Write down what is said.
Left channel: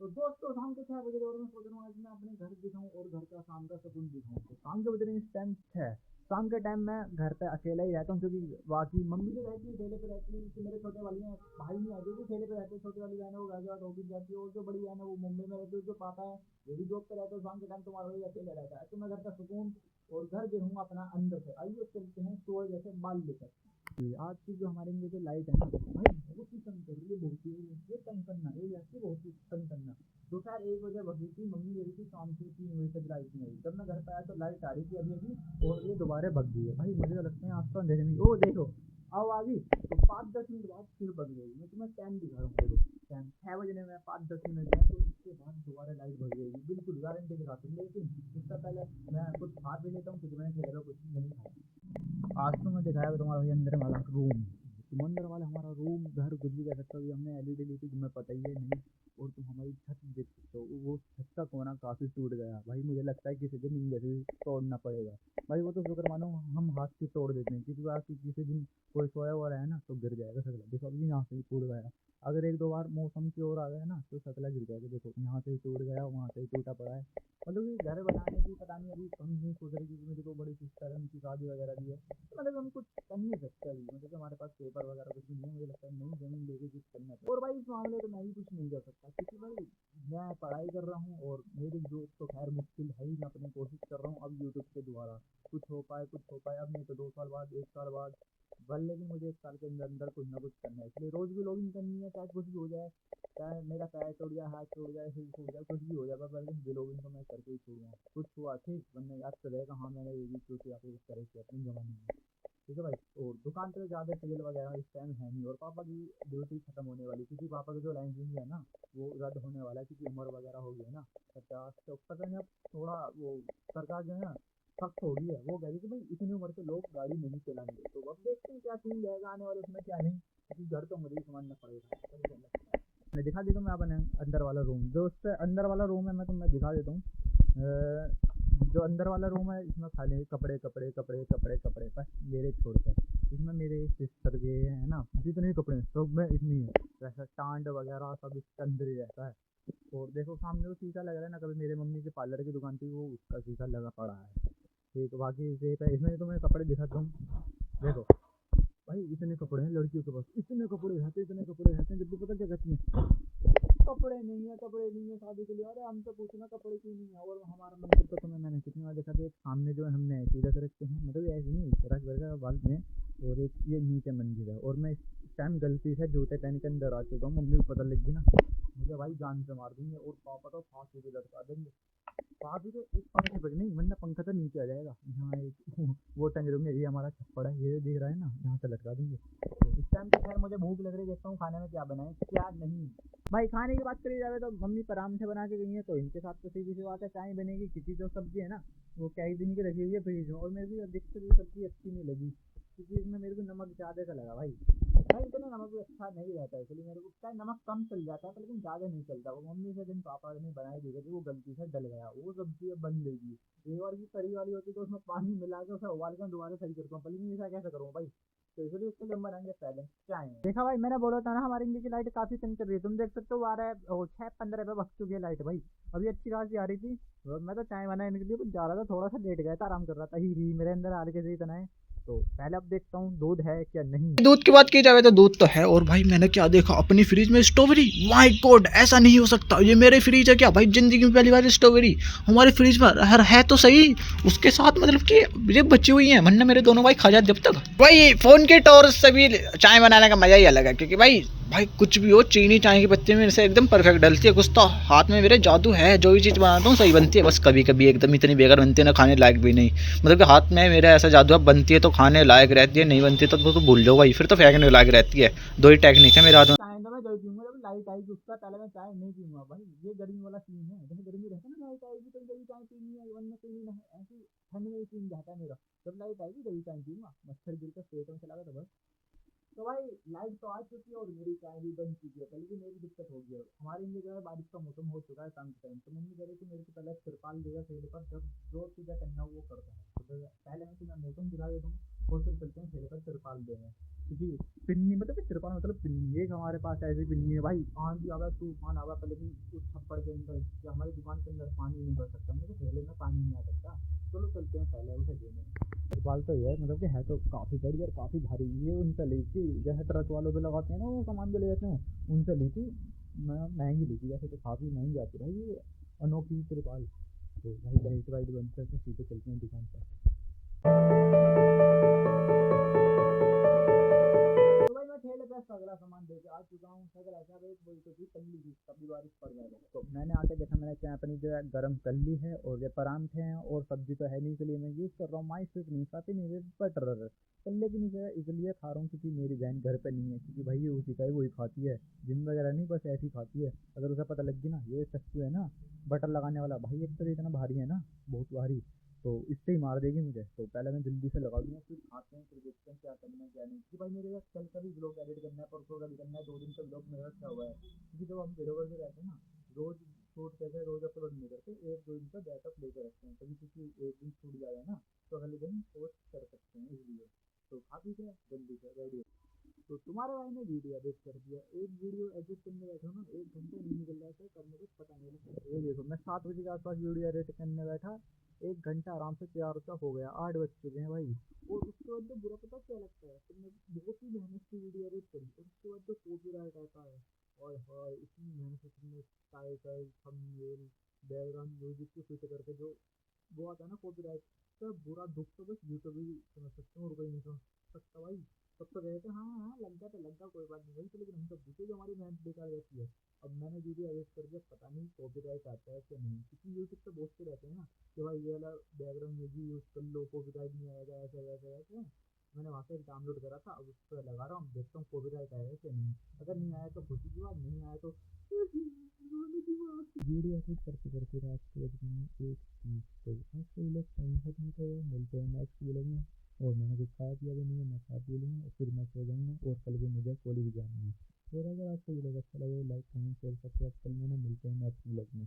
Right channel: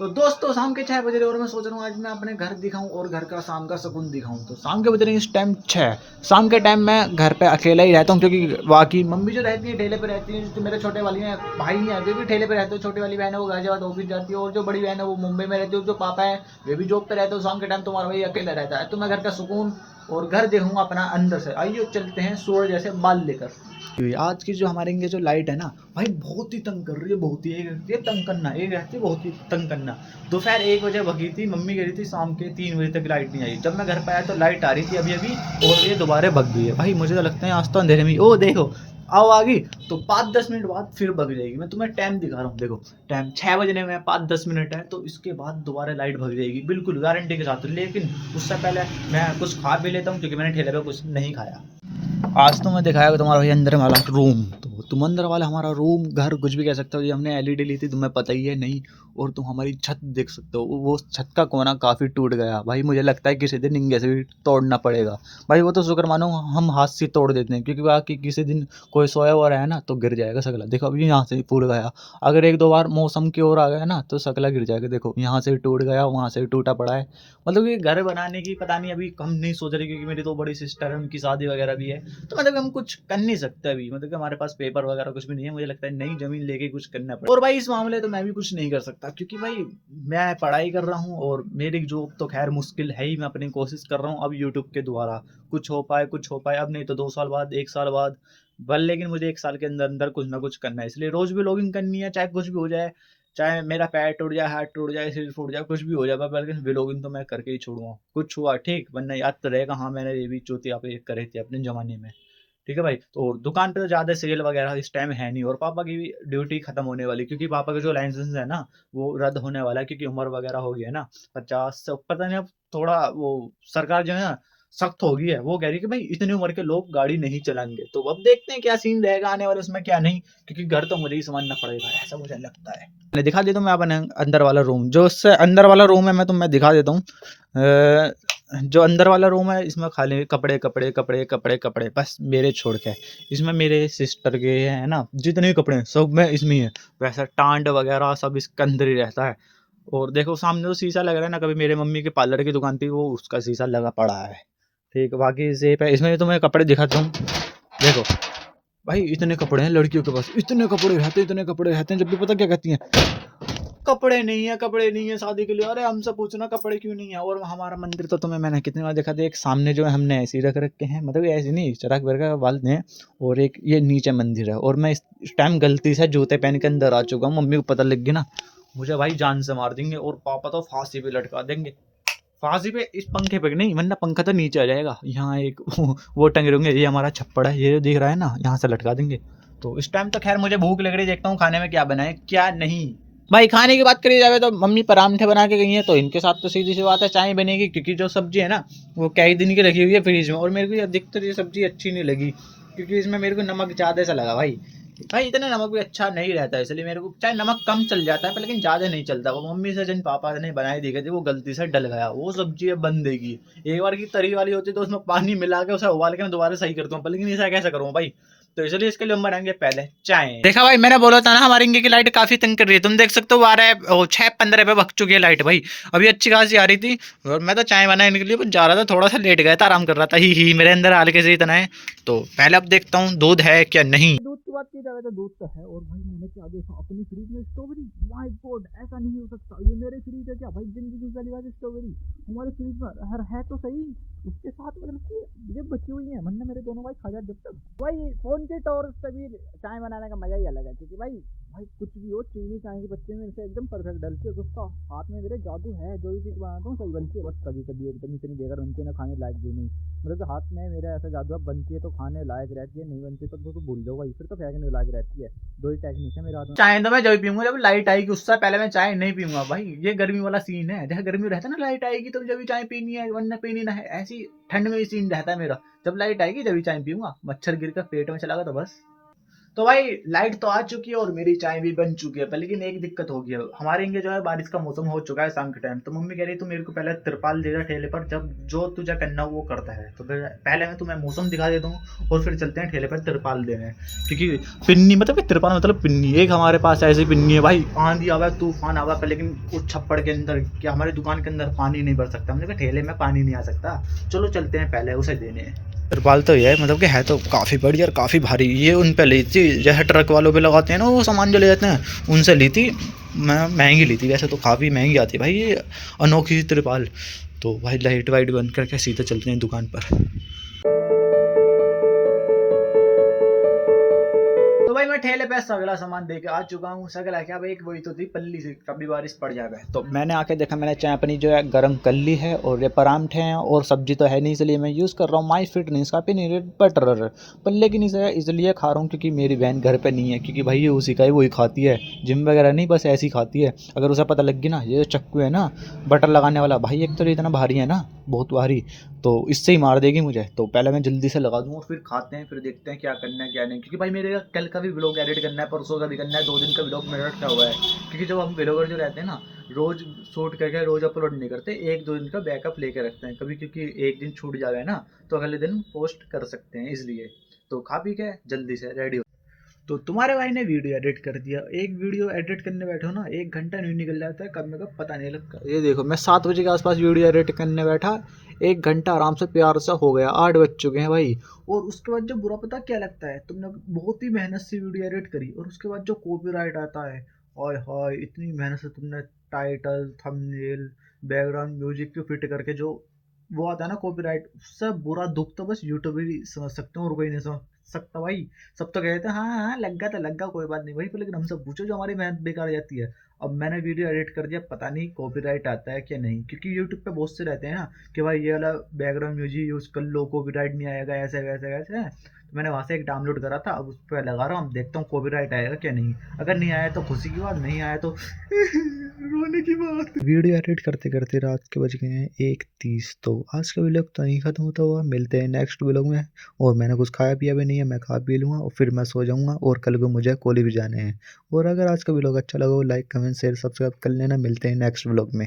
तो दोस्तों शाम के 6 बज रहे और मैं सोच रहा हूँ आज मैं अपने घर दिखाऊं और घर का शाम का सुकून दिखाऊं। तो शाम के बज रहे हैं इस टाइम 6। शाम के टाइम मैं घर पे अकेला ही रहता हूँ क्योंकि बाकी मम्मी जो रहती है ठेले पे रहती है, जो मेरे छोटे वाली हैं भाई हैं वे भी ठेले पे रहते हैं। छोटी वाली बहन है वो गाजियाबाद ऑफिस जाती है और जो बड़ी बहन है वो मुंबई में रहती है। जो पापा है वे भी जॉब पे रहते हैं। शाम के टाइम तुम्हारा भाई अकेला रहता है। तो मैं घर का सुकून और घर देखूंगा अपना अंदर से। आइए चलते हैं सूरज जैसे बाल लेकर। आज की जो हमारे ये जो लाइट है ना भाई बहुत ही तंग कर रही है, बहुत ही। एक रहती है तंग करना, एक रहती है बहुत ही तंग करना। दोपहर 1 बजे भगी थी, मम्मी कह रही थी शाम के 3 बजे तक लाइट नहीं आई। जब मैं घर पे आया तो लाइट आ रही थी अभी अभी और ये दोबारा भग गई है। भाई मुझे तो लगता है आज तो अंधेरे में ओ देखो आओ आ गई तो 5-10 मिनट बाद फिर भग जाएगी। मैं तुम्हें टाइम दिखा रहा हूँ, देखो टाइम 6 बजने में 5-10 मिनट है तो इसके बाद दोबारा लाइट भग जाएगी बिल्कुल गारंटी के साथ। लेकिन उससे पहले मैं कुछ खा भी लेता हूँ क्योंकि मैंने ठेले पे कुछ नहीं खाया। आज तो मैं दिखाया तुम्हारा भाई अंदर वाला रूम। तो तुम अंदर वाला हमारा रूम घर कुछ भी कह सकते हो। ये हमने एलईडी ली थी तुम्हें पता ही है नहीं। और तुम हमारी छत देख सकते हो, वो छत का कोना काफ़ी टूट गया भाई। मुझे लगता है किसी दिन इंगे से भी तोड़ना पड़ेगा भाई। वो तो शुक्र मानो हम हाथ से तोड़ देते हैं क्योंकि बाकी किसी दिन कोई सोया हुआ रहा है ना तो गिर जाएगा सकला। देखो अभी यहाँ से फूट गया, अगर 1-2 बार मौसम की ओर आ गया ना तो सकला गिर जाएगा। देखो यहाँ से टूट गया, वहाँ से टूटा पड़ा है। मतलब कि घर बनाने की पता नहीं अभी हम नहीं सोच रहे क्योंकि मेरी तो बड़ी सिस्टर है, उनकी शादी वगैरह भी है। तो मतलब हम कुछ कर नहीं सकते अभी, मतलब कि हमारे पास पेपर वगैरह कुछ भी नहीं है। मुझे लगता है नई जमीन लेके कुछ करना पड़ेगा। और भाई इस मामले तो मैं भी कुछ नहीं कर सकता क्योंकि भाई मैं पढ़ाई कर रहा हूँ और मेरी जॉब तो खैर मुश्किल है ही। मैं अपनी कोशिश कर रहा हूँ अब यूट्यूब के द्वारा कुछ हो पाए, कुछ हो पाए। अब नहीं तो 2 साल बाद, 1 साल बाद बल, लेकिन मुझे 1 साल के अंदर अंदर कुछ ना कुछ करना है। इसलिए रोज भी लॉगिंग करनी है चाहे कुछ भी हो जाए। चाहे मेरा पैर टूट जाए, हाथ टूट जाए, सिर फूट जाए, कुछ भी हो जाए, लेकिन व्लॉगिंग तो मैं करके ही छोड़ूंगा। कुछ हुआ ठीक, वरना याद तो रहेगा हाँ मैंने ये भी चौथी आप एक करे थे अपने जमाने में। ठीक है भाई। तो और दुकान पे तो ज़्यादा सेल वगैरह इस टाइम है नहीं और पापा की भी ड्यूटी खत्म होने वाली क्योंकि पापा का जो लाइसेंस है ना वो रद्द होने वाला है क्योंकि उम्र वगैरह हो गई है ना 50 से। पता नहीं अब थोड़ा वो सरकार जो है ना सख्त हो गई है। वो कह रही है कि भाई इतनी उम्र के लोग गाड़ी नहीं चलाएंगे। तो अब देखते हैं क्या सीन रहेगा आने वाले उसमें क्या नहीं, क्योंकि घर तो मुझे ही संभालना पड़ेगा ऐसा मुझे लगता है। मैं दिखा देता हूँ मैं अपने अंदर वाला रूम, जो उससे अंदर वाला रूम है मैं तुम्हें दिखा देता हूँ। जो अंदर वाला रूम है इसमें खाली कपड़े कपड़े कपड़े कपड़े कपड़े बस मेरे छोड़ के। इसमें मेरे सिस्टर के हैं ना जितने भी कपड़े हैं सब में इसमें ही है। वैसा टांड वगैरह सब इसके अंदर ही रहता है। और देखो सामने तो शीशा लग रहा है ना, कभी मेरे मम्मी के पार्लर की दुकान थी वो उसका शीशा लगा पड़ा है। ठीक बाकी सेफ है। इसमें तो मैं कपड़े दिखाता हूँ, देखो भाई इतने कपड़े हैं लड़कियों के पास, इतने कपड़े रहते हैं, इतने कपड़े रहते हैं। जब भी पता क्या कहती हैं कपड़े नहीं है, कपड़े नहीं है शादी के लिए। अरे हमसे पूछना कपड़े क्यों नहीं है। और हमारा मंदिर तो तुम्हें मैंने कितनी बार देखा था, एक सामने जो है हमने ऐसे ही रख रखे हैं, मतलब ऐसे नहीं चराग भर का बाल हैं। और एक ये नीचे मंदिर है और मैं इस टाइम गलती से जूते पहन के अंदर आ चुका हूँ। मम्मी को पता लग गया ना मुझे भाई जान से मार देंगे और पापा तो फांसी पे लटका देंगे। फांसी पे इस पंखे पे नहीं, वरना पंखा तो नीचे आ जाएगा। यहाँ एक वो टंगे होंगे, ये हमारा छप्पड़ है ये दिख रहा है ना, यहाँ से लटका देंगे। तो इस टाइम तो खैर मुझे भूख लग रही है, देखता हूँ खाने में क्या बनाए क्या नहीं। भाई खाने की बात करी जाए तो मम्मी परांठे बना के गई हैं तो इनके साथ तो सीधी सी बात है चाय बनेगी क्योंकि जो सब्जी है ना वो कई दिन की रखी हुई है फ्रिज में। और मेरे को ये अधिकतर ये सब्जी अच्छी नहीं लगी क्योंकि इसमें मेरे को नमक ज़्यादा सा लगा भाई। भाई इतना नमक भी अच्छा नहीं रहता है, इसलिए मेरे को चाहे नमक कम चल जाता है पर लेकिन ज़्यादा नहीं चलता। वो मम्मी से जिन पापा ने बनाई दी गई थी वो गलती से डल गया, वो सब्जी अब बन देगी। एक बार की तरी वाली होती तो उसमें पानी मिला के उसे उबाल के मैं दोबारा सही करता हूँ, पर लेकिन ऐसा कैसे करूँ भाई। तो इसलिए इसके लिए हम बनाएंगे पहले चाय। देखा भाई मैंने बोला था ना हमारे इंगे की लाइट काफी तंग कर रही है। तुम देख सकते हो 6:15 पे भग चुकी है लाइट भाई। अभी अच्छी खासी आ रही थी और मैं तो चाय बनाने के लिए जा रहा था, थोड़ा सा लेट गया था, आराम कर रहा था ही मेरे अंदर हल्के से इतना है। तो पहले अब देखता हूँ दूध है क्या नहीं। दूध की बात की जाए तो दूध तो है। और भाई मैंने क्या देखा अपनी फ्रिज में स्ट्रॉबेरी, माय गॉड ऐसा नहीं हो सकता, ये मेरे फ्रिज है क्या भाई। जिंदगी में पहली बार स्ट्रॉबेरी हमारे फ्रिज में है तो सही। उसके साथ मतलब कि ये बची हुई है, वरना मेरे दोनों भाई खा जाते जब तक। भाई फोन के टॉर्च से भी चाय बनाने का मजा ही अलग है क्योंकि भाई कुछ भी हो चीनी चाय की पत्ती में से एकदम परफेक्ट डलती है। कुछ तो हाथ में मेरे जादू है, जो भी चीज़ बनाता हूँ सही बनती है। बस कभी कभी एकदम इतनी बेकार बनती है ना खाने लायक भी नहीं। मतलब कि हाथ में मेरा ऐसा जादू है, बनती है तो खाने लायक रहती है, नहीं बनती तो भूल जाओ भाई, फिर तो फेंकने लायक रहती है। दो ही टेक्निक है मेरे हाथ में। चाय तो मैं जब पीऊंगा जब लाइट आएगी, उससे पहले मैं चाय नहीं पीऊंगा भाई। ये गर्मी वाला सीन है, जैसे गर्मी रहता है ना लाइट आएगी तो जब चाय पीनी है वरना पीनी ना है, ऐसी ठंड में भी सीन रहता है मेरा। जब लाइट आएगी जब चाय पीऊंगा, मच्छर गिर कर पेट में चला गया तो बस तो भाई लाइट तो आ चुकी है और मेरी चाय भी बन चुकी है पर लेकिन एक दिक्कत हो गई है। हमारे यहाँ जो है बारिश का मौसम हो चुका है शाम के टाइम। तो मम्मी कह रही तू मेरे को पहले तिरपाल दे दे ठेले पर, जब जो तुझे करना हो वो करता है। तो फिर पहले मैं तुम्हें मौसम दिखा देता हूँ और फिर चलते हैं ठेले पर तिरपाल देने। क्योंकि पिन्नी मतलब तिरपाल मतलब पिन्नी, एक हमारे पास ऐसी पिन्नी है भाई, आंधी आवा तूफान आवा पर लेकिन उस छप्पड़ के अंदर क्या हमारी दुकान के अंदर पानी नहीं भर सकता। हमने कहा ठेले में पानी नहीं आ सकता, चलो चलते हैं पहले उसे देने। तिरपाल तो ये है मतलब कि है तो काफ़ी बड़ी और काफ़ी भारी। ये उन पे ली थी जैसे ट्रक वालों पे लगाते हैं ना वो सामान जो ले जाते हैं, उनसे ली थी। मैं महंगी ली थी वैसे तो, काफ़ी महंगी आती है भाई ये अनोखी तिरपाल। तो भाई लाइट वाइट बंद करके सीधे चलते हैं दुकान पर। तो भाई मैं ठेले पे सगला सामान दे के आ चुका हूँ। सगला क्या भाई, एक वही तो थी पल्ली से, कभी बारिश पड़ जाए। तो मैंने आके देखा, मैंने चाय अपनी जो है गर्म कर ली है और ये परांठे हैं और सब्जी तो है नहीं, इसलिए मैं यूज़ कर रहा हूँ माई फिटनेस का पीनट बटर। पर लेकिन इसे इसलिए खा रहा हूँ क्योंकि मेरी बहन घर पे नहीं है, क्योंकि भाई ये उसी का ही वही खाती है, जिम वगैरह नहीं बस ऐसी खाती है। अगर उसे पता लग गया ना ये चक्कू है ना बटर लगाने वाला, भाई एक तो ये इतना भारी है ना, बहुत भारी, तो इससे ही मार देगी मुझे। तो पहले मैं जल्दी से लगा दूंगा फिर खाते हैं, फिर देखते हैं क्या करना है क्या नहीं। क्योंकि भाई मेरे कल का भी व्लॉग एडिट करना है, परसों का भी करना है, 2 दिन का व्लॉग मेरा रखा हुआ है। क्योंकि जब हम व्लॉगर जो रहते हैं ना, रोज शूट करके रोज अपलोड नहीं करते, 1-2 दिन का बैकअप लेके रखते हैं कभी, क्योंकि एक दिन छूट जाए ना तो अगले दिन पोस्ट कर सकते हैं इसलिए। तो खा पी के जल्दी से रेडी हो। तो तुम्हारे भाई ने वीडियो एडिट कर दिया। एक वीडियो एडिट करने बैठो ना 1 घंटा नहीं निकल जाता है कब में कब पता नहीं लगता। ये देखो मैं 7 बजे के आसपास वीडियो एडिट करने बैठा, 1 घंटा आराम से प्यार सा हो गया, 8 बज चुके हैं भाई। और उसके बाद जो बुरा पता क्या लगता है, तुमने बहुत ही मेहनत से वीडियो एडिट करी और उसके बाद जो कॉपीराइट आता है, हाय हाय इतनी मेहनत से तुमने टाइटल थंबनेल बैकग्राउंड म्यूजिक को फिट करके जो वो आता है ना कॉपीराइट, उससे बुरा दुख तो बस यूट्यूब ही समझ सकते हो और कोई नहीं समझ सकता भाई। सब तो कहते हैं हाँ हाँ लग गया कोई बात नहीं भाई, पर लेकिन हमसे पूछो जो हमारी मेहनत बेकार जाती है। अब मैंने वीडियो एडिट कर दिया, पता नहीं कॉपीराइट आता है क्या नहीं, क्योंकि यूट्यूब पे बहुत से रहते हैं ना कि भाई ये वाला बैकग्राउंड म्यूजिक यूज कर लो कॉपीराइट नहीं आएगा, ऐसे वैसे वैसे। तो मैंने वहाँ से एक डाउनलोड करा था, अब उस पर लगा रहा हूँ, अब देखता हूँ कॉपीराइट आएगा क्या नहीं। अगर नहीं आया तो खुशी की बात, नहीं आया तो रोने की बात। वीडियो एडिट करते करते रात के बज गए हैं 1:30। तो आज का व्लॉग तो यहीं खत्म होता हुआ, मिलते हैं नेक्स्ट व्लॉग में। और मैंने कुछ खाया पिया भी नहीं है, मैं खा पी लूँगा और फिर मैं सो जाऊँगा और कल को मुझे कॉलेज भी जाने हैं। और अगर आज का व्लॉग अच्छा लगा हो लाइक कमेंट शेयर सब्सक्राइब कर लेना। मिलते हैं नेक्स्ट व्लॉग में।